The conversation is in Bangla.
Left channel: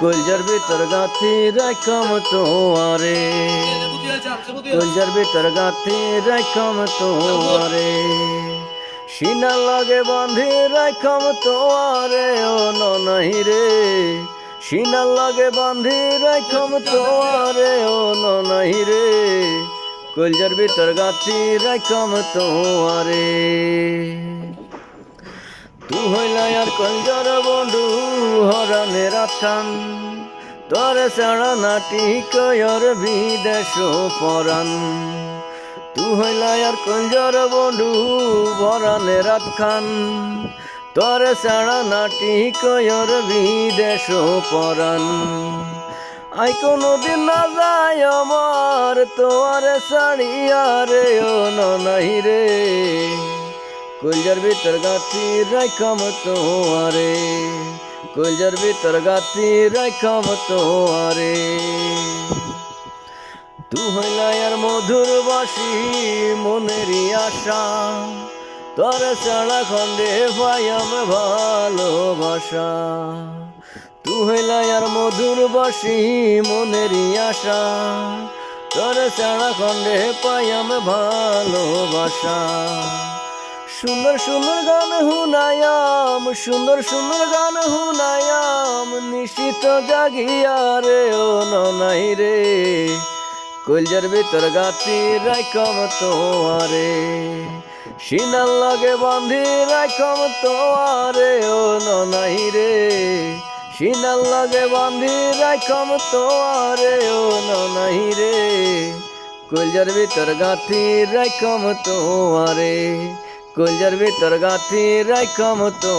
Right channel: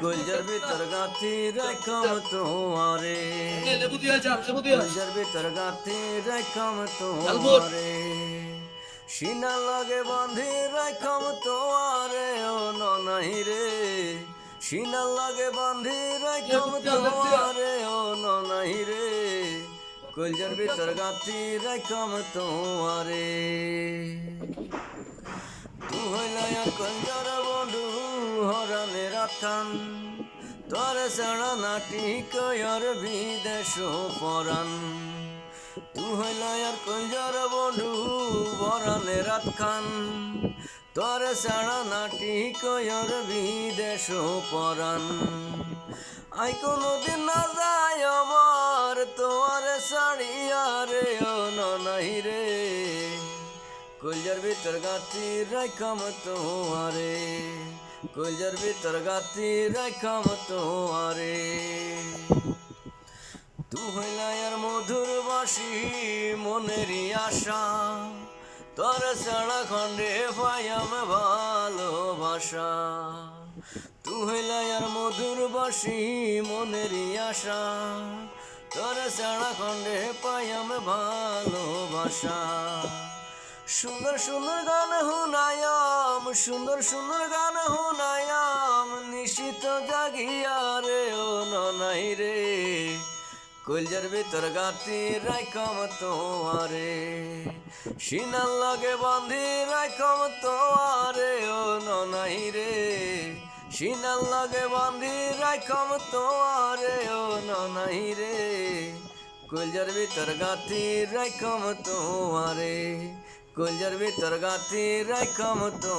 কলজার ভিতর গাঁথি রাখম তোমারে। কলজার ভিতর গাঁথি রাখম তোমারে। সিনার লাগে বাঁধি রাখম তোমারে, ও ননাহি রে। সিনার লাগে বাঁধি রাখম তোমারে, ও ননাহি রে। কলজার ভিতর গাঁথি রাখম তোমারে। তু হইলা আর কঞ্জর বন্ধু রাখান তরে সাড়া নাটি কয়র বিদেশ পরান তু হইলা আর কঞ্জর বন্ধু হরণে রাখান তরে সাড়া নাটি কয়র বিদেশ পরান আই কোনোদিন না যায় আমার তোর শাড়িয়া রে, ও নাই রে। কলজার ভিতর গাতি রাখাম তোয়ারে কলজার ভিতর গাতি রাখাম তোয়ারে তু হইলা আর মধুর বাসি মনেরই আশা। তোর সাড়া খণ্ডে পায়াম ভালোবাসা। তু হইলা আর মধুর বাসি মনেরই আশা। তোর সাড়া খণ্ডে পায়াম ভালোবাসা। সুন্দর সুন্দর গান হুনায়াম, সুন্দর সুন্দর গান হুনায়াম নিশ্চিত জাগিয়া রে, ও ননাই রে। কলজার ভিতর গাতি রাইকম তোয়ারে সিনার লাগে বান্ধি রাইকম তোয়ারে ও ননাই রে। সিনার লাগে বান্ধি রাইকম তোয়ারে ও ননাই রে। কলজার ভিতর গাথি রাইকম তোয়ারে কলজার ভিতর গাথি রাইকম তো